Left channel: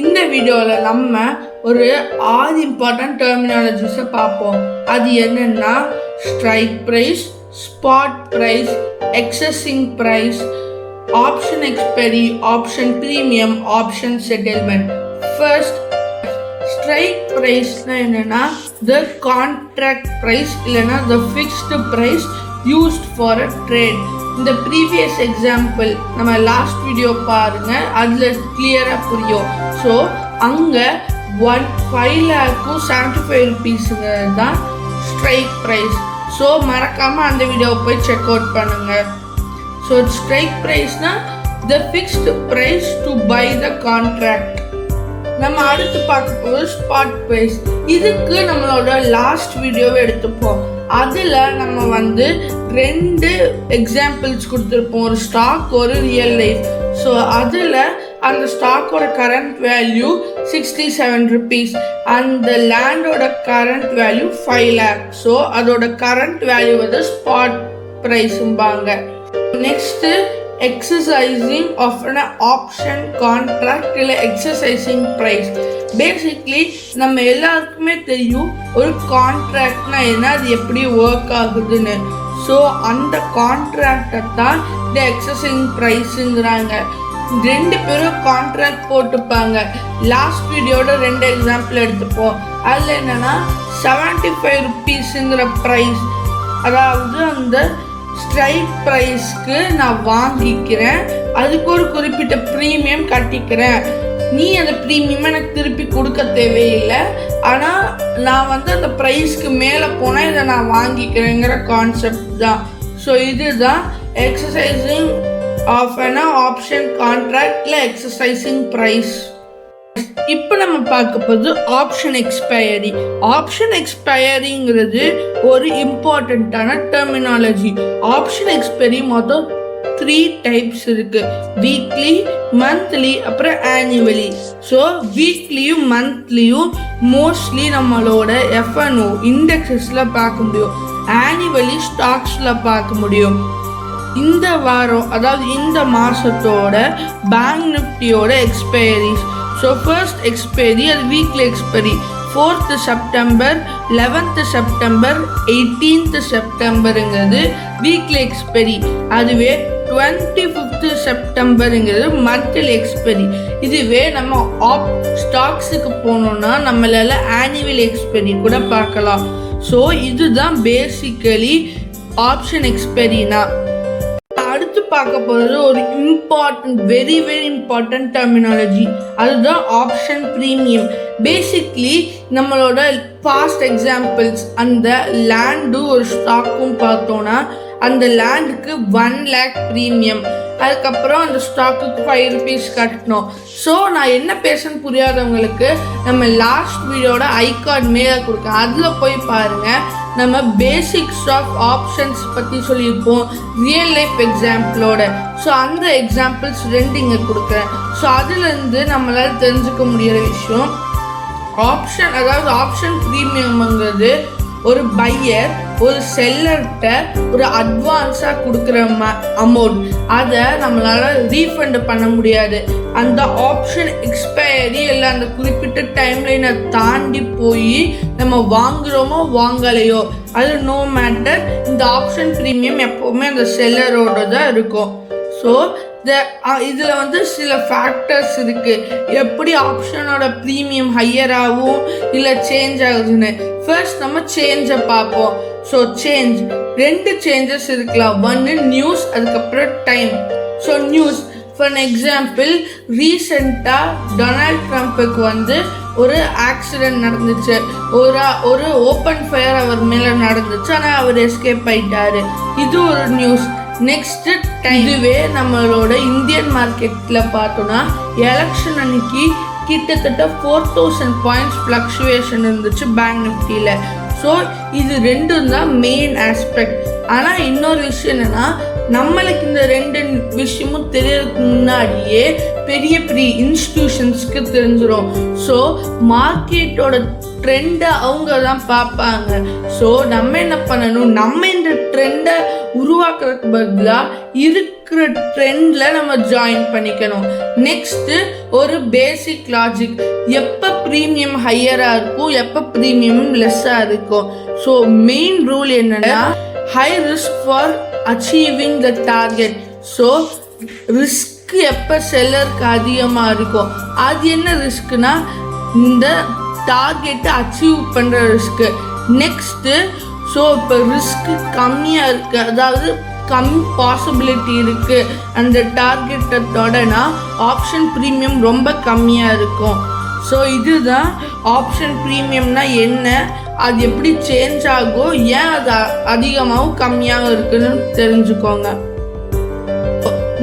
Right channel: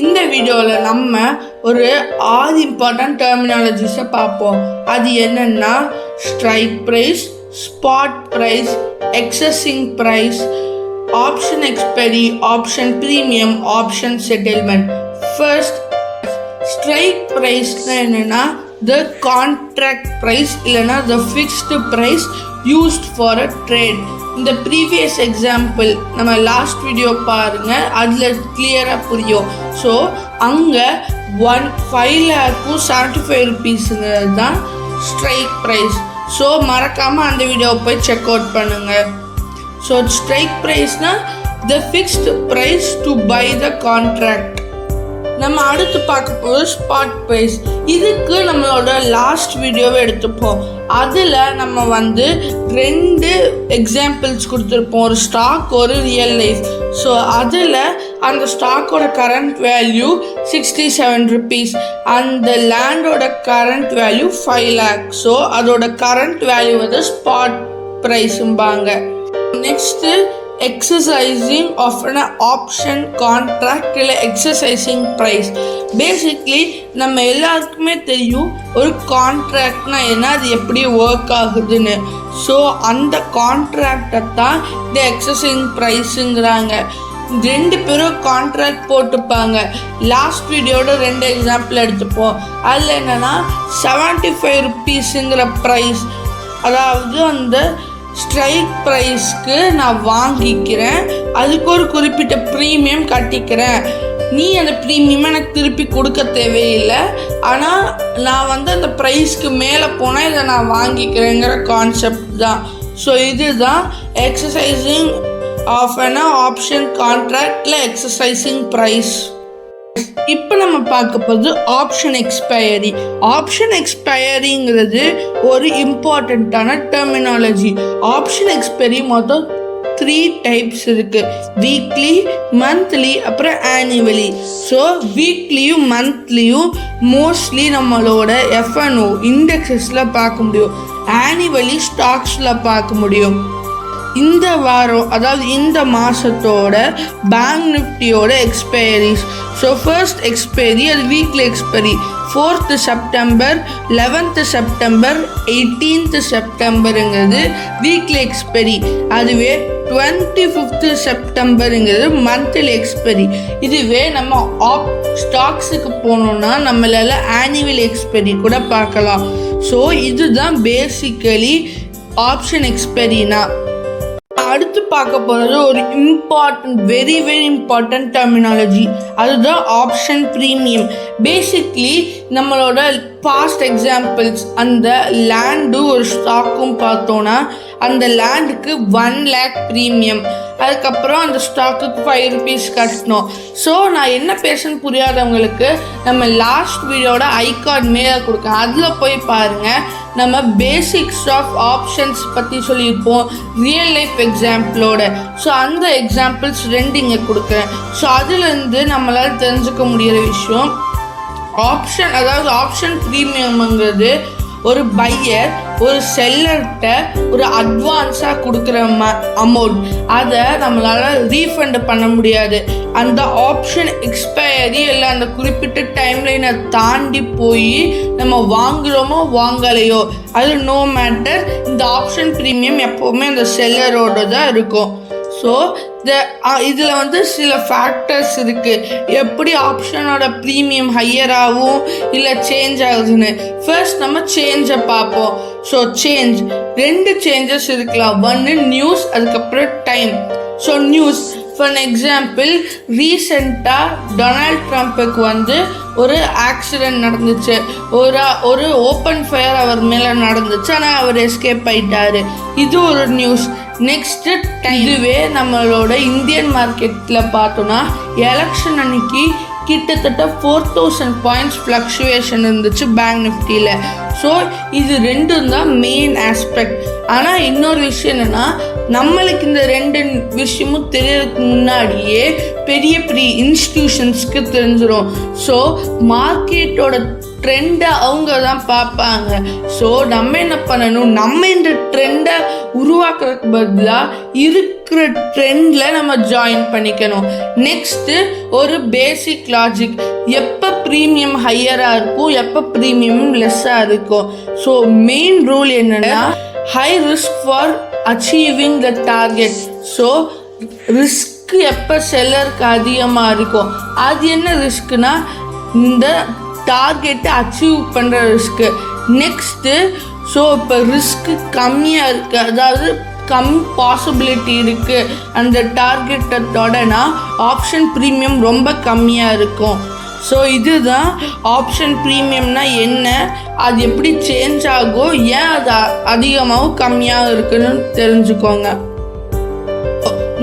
இந்த வீடியோவில் நம்ம ஒரு 6 இம்பார்ட்டன்ட் டெர்மினாலஜிஸை பார்ப்போம். அது என்னென்னா strike price, spot price, exercising price, option expiry, option premium, option settlement. First, strike ப்ரைஸ்னால் என்னென்னா த கான்ட்ராக்ட் ப்ரைஸ் இல்லைன்னா the fixed price used for a trade. இந்த ப்ரீவியஸ் எக்ஸாம்பிள் நம்ம லாஸ்ட் வீடியோ பாருங்கள், அதில் கிளியராக புரியும். ஸோ அங்கே 5,75 ரூபீஸுங்க தான் ஸ்ட்ரைக் ப்ரைஸ். ஸோ மறக்காமல் அந்த வீடியோவை போய் செக் அவுட் பண்ணுங்கள். ஸோ ஸ்ட்ரைக் ப்ரைஸ்னால் the fixed price to buy the contract. நம்ம அடுத்து பார்க்க போது ஸ்பாட் ப்ரைஸ். இதுக்கு நம்மளோட லாஸ்ட் வீடியோவை எடுத்துப்போம். அதில் நம்ம 2 எக்ஸாம்பிள்ஸ் கொடுத்துருப்போம், ஒரு ஸ்டாக், ஒரு ரியல் லைஃப். ஸோ அதில் அந்த ஸ்டாக்கோட கரண்ட் வேல்யூ 67 ரூபீஸ், அந்த லேண்டோட கரண்ட் வேல்யூ 5 lakh. ஸோ அதோட கரண்ட் வேல்யூ ஸ்பாட் ப்ரைஸும்பாங்க. Next exercising of an option contract இல்லை exercising price. பேசிக்லி நம்ம எல்லாருக்குமே தெரியும் ஒரு கான்ட்ராக்ட்னா என்ன, அது எப்படி ஒர்க் ஆகுதுன்னு. ஸோ அந்த கான்ட்ராக்டை தான் இந்த எக்ஸசைசிங் ப்ரைஸுங்கிறாங்க. 2 பேரும் கான்ட்ராக்ட் போட்டுப்பாங்க. லாஸ்ட் வீடியோட 2 எக்ஸாம்பிள் எடுத்துப்போம். அதில் என்னென்னா 75 ரூபீஸுங்கிற ப்ரைஸ், அதாவது அந்த ஸ்ட்ரைக் ப்ரைஸ்க்கு நான் வாங்கிக்கிறேன், அதுக்கு ஒரு குறிப்பிட்ட ப்ரீமியம் கட்டிக்கிறேன், நீ அந்த ப்ரீமியம் எனக்கு திருப்பி கொடுக்க தேவையில்லை, ஆனால் நான் அந்த ப்ரைஸ்க்கு மேலே போனால் இதை நான் வாங்கிக்கிறேங்கிற கான்செப்ட் தான். ஸோ இதுதான் எக்ஸசைசிங் ஆஃப் அன் ஆப்ஷன் கான்ட்ராக்டில் எக்ஸசைசிங் ப்ரைஸ். இப்போ நம்ம பார்க்க போது ஆப்ஷன் எக்ஸ்பயரி. ஆப்ஷன் எக்ஸ்பயரிங்கிறது ஒரு இம்பார்ட்டண்ட்டான டெர்மினாலஜி. ஆப்ஷன் எக்ஸ்பயரி மொத்தம் 3 டைப்ஸ் இருக்குது: வீக்லி, மந்த்லி, அப்புறம் ஆனுவலி. ஸோ வீக்லியும் மந்த்லியும் மோஸ்ட்லி நம்மளோட FNO இண்டெக்ஸஸில் பார்க்க முடியும், ஆனுவலி ஸ்டாக்ஸில் பார்க்க முடியும். இந்த வாரம், அதாவது இந்த மாதத்தோட பேங்க் நிஃப்டியோட எக்ஸ்பைரிஸ். ஸோ ஃபர்ஸ்ட் எக்ஸ்பைரி அது weekly expiry 4th September, 11th September, 18th செப்டம்பருங்கிறது வீக்லி எக்ஸ்பைரி. அதுவே 25th செப்டம்பருங்கிறது மந்த்லி எக்ஸ்பைரி. இதுவே நம்ம ஸ்டாக்ஸுக்கு போனோம்னா நம்மளால ஆனுவல் எக்ஸ்பைரி கூட பார்க்கலாம். ஸோ இதுதான் பேசிக்கலி ஆப்ஷன் எக்ஸ்பைரினா. அடுத்து பார்க்க போகிறது ஒரு வெரி இம்பார்ட்டன்ட் டெர்மினாலஜி, அதுதான் ஆப்ஷன் ப்ரீமியம். பேசிக்லி நம்மளோட பாஸ்ட் எக்ஸாம்பிள்ஸ், அந்த லேண்டு ஒரு ஸ்டாக்கும் பார்த்தோன்னா அந்த லேண்டுக்கு 1 lakh ப்ரீமியம், அதுக்கப்புறம் அந்த ஸ்டாக்குக்கு 5 ரூபீஸ் கட்டணும். ஸோ நான் என்ன பேசுன்னு புரியாதவங்களுக்கு நம்ம லாஸ்ட் வீடியோட ஐகார்ட் மேலே கொடுக்கேன், அதில் போய் பாருங்கள். நம்ம பேசிக்ஸ் ஆஃப் ஆப்ஷன்ஸ் பற்றி சொல்லியிருப்போம் ரியல் லைஃப் எக்ஸாம்பிளோட. ஸோ அந்த எக்ஸாம்பிள்ஸ் 2 இங்கே கொடுக்குறேன். ஸோ அதுலேருந்து நம்மளால் தெரிஞ்சுக்க முடியிற விஷயம், ஆப்ஷன், அதாவது ஆப்ஷன் ப்ரீமியம்ங்கிறது ஒரு பையர் ஒரு செல்லர்கிட்ட ஒரு அட்வான்ஸாக கொடுக்குற அமௌண்ட், அதை நம்மளால் ரீஃபண்ட் பண்ண முடியாது. அந்த ஆப்ஷன் எக்ஸ்பயரி இல்லை அந்த குறிப்பிட்ட டைம்லைனை தாண்டி போய் நம்ம வாங்குகிறோமோ வாங்கலையோ, அது நோ மேட்டர், இந்த ஆப்ஷன் ப்ரீமியம் எப்போவுமே அந்த செல்லரோடு தான் இருக்கும். ஸோ இதில் சில ஃபேக்டர்ஸ் இருக்குது, எப்படி ஆப்ஷனோட ப்ரீமியம் ஹையராகவும் இல்லை சேஞ்ச் ஆகுதுன்னு. ஃபர்ஸ்ட் நம்ம சேஞ்சை பார்ப்போம். ஸோ சேஞ்ச் 2 சேஞ்சஸ் இருக்கலாம். 1 நியூஸ், அதுக்கப்புறம் time. So news, for example ரீசெண்டாக டொனால்ட் ட்ரம்ப்புக்கு ஒரு ஆக்சிடெண்ட் நடந்துச்சு, ஒரு ஓப்பன் ஃபயர் அவர் மேலே நடந்துச்சு, ஆனால் அவர் எஸ்கேப் ஆயிட்டாரு, இது ஒரு நியூஸ். நெக்ஸ்ட்டு இதுவே நம்மளோட இந்தியன் மார்க்கெட்டில் பார்த்தோன்னா எலெக்ஷன் அன்னைக்கு கிட்டத்தட்ட 4000 பாயிண்ட்ஸ் ஃப்ளக்சுவேஷன் இருந்துச்சு பேங்க் நிஃப்டியில். ஸோ இது 2 தான் மெயின் ஆஸ்பெக்ட். ஆனால் இன்னொரு விஷயம் என்னென்னா, நம்மளுக்கு இந்த 2 விஷயமும் தெரியறதுக்கு முன்னாடியே பெரிய இன்ஸ்டிடியூஷன்ஸ்க்கு தெரிஞ்சிடும். ஸோ மார்க்கெட்டோட ட்ரெண்டை அவங்க தான் பார்ப்பாங்க. ஸோ நம்ம என்ன பண்ணணும், நம்ம இந்த ட்ரெண்டை உருவாக்குறதுக்கு பதிலாக இருக்கிற ட்ரெண்டில் நம்ம ஜாயின் பண்ணிக்கணும். நெக்ஸ்ட்டு ஒரு பேசிக் லாஜிக், எப்போ ப்ரீமியம் ஹையராக இருக்கும், எப்போ ப்ரீமியம் லெஸ்ஸாக இருக்கும். ஸோ மெயின் ரூல் என்னென்னா, high risk for achieving the target. So risk எப்போ செல்லருக்கு அதிகமாக இருக்கும், அது என்ன ரிஸ்க்குனா இந்த டார்கெட்டை அச்சீவ் பண்ணுற ரிஸ்க்கு. நெக்ஸ்ட்டு ஸோ இப்போ ரிஸ்க்கு கம்மியாக இருக்குது, அதாவது கம்மி பாசிபிலிட்டி இருக்குது அந்த டார்கெட்டை தொடனா ஆப்ஷன் ப்ரீமியம் ரொம்ப கம்மியாக இருக்கும். ஸோ இதுதான் ஆப்ஷன் ப்ரீமியம்னா என்ன, அது எப்படி சேஞ்ச் ஆகும், ஏன் அது அதிகமாகவும் கம்மியாகவும் இருக்குன்னு தெரிஞ்சுக்கோங்க.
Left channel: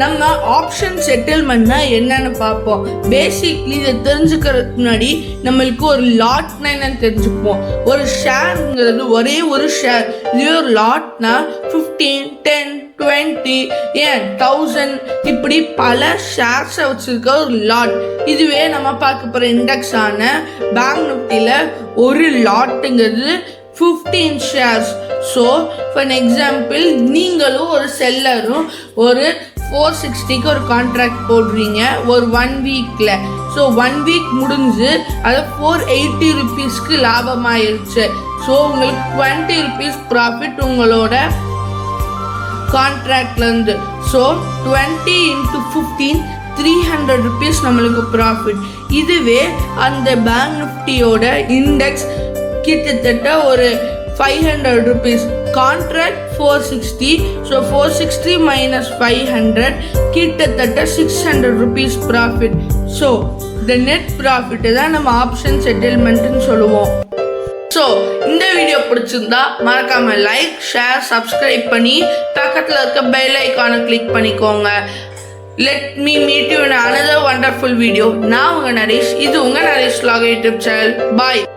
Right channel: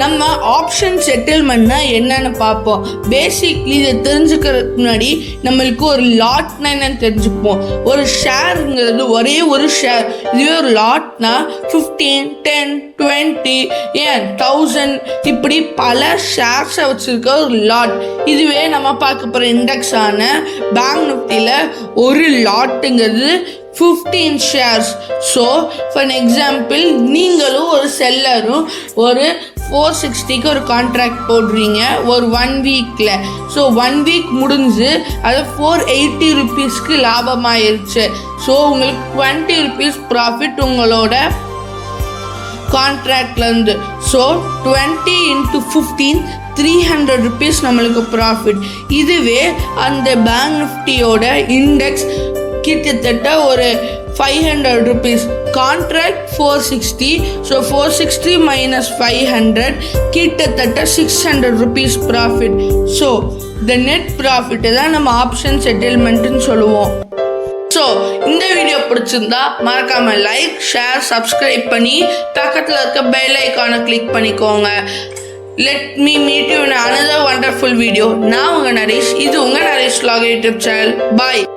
நம்ம ஆப்ஷன் செட்டில்மெண்ட்னா என்னன்னு பார்ப்போம். பேசிக்லி இதை தெரிஞ்சுக்கிறதுக்கு முன்னாடி நம்மளுக்கு ஒரு லாட்னா என்னன்னு தெரிஞ்சுப்போம். ஒரு ஷேருங்கிறது ஒரே ஒரு ஷேர். இதுவே ஒரு லாட்னா 15, 10, 20 ஏன் 1000 இப்படி பல ஷேர்ஸை வச்சுருக்க ஒரு லாட். இதுவே நம்ம பார்க்க போகிற இண்டெக்ஸ் ஆன பேங்க் நிஃப்டியில் ஒரு லாட்டுங்கிறது 15 ஷேர்ஸ். ஸோ ஃபார் எக்ஸாம்பிள் நீங்களும் ஒரு செல்லரும் ஒரு 460க்கு ஒரு கான்ட்ராக்ட் போடுறீங்க ஒரு 1 வீக்கில். ஸோ 1 வீக் முடிஞ்சு அது 480 ருபீஸ்க்கு லாபமாயிருச்சு. ஸோ உங்களுக்கு 20 ருபீஸ் ப்ராஃபிட் உங்களோட கான்ட்ராக்ட்லேருந்து. ஸோ 20 × 15 300 ருபீஸ் நம்மளுக்கு ப்ராஃபிட். இதுவே அந்த பேங்க் நிஃப்டியோட இண்டெக்ஸ் கிட்டத்தட்ட ஒரு 500 ருபீஸ், கான்ட்ராக்ட் 460. ஸோ 460 - 500 கிட்டத்தட்ட 600 ருபீஸ் ப்ராஃபிட். ஸோ இந்த நெட் ப்ராஃபிட்டு தான் நம்ம ஆப்ஷன் செட்டில்மெண்ட்டுன்னு சொல்லுவோம். ஸோ இந்த வீடியோ பிடிச்சிருந்தா மறக்காமல் லைக், ஷேர், சப்ஸ்கிரைப் பண்ணி பக்கத்தில் இருக்க பெல் ஐக்கானை கிளிக் பண்ணிக்கோங்க. Let me meet you in another wonderful video. நான் உங்கள் நரேஷ், இது உங்கள் நரேஷ் vlog யூடியூப் சேனல். பாய்.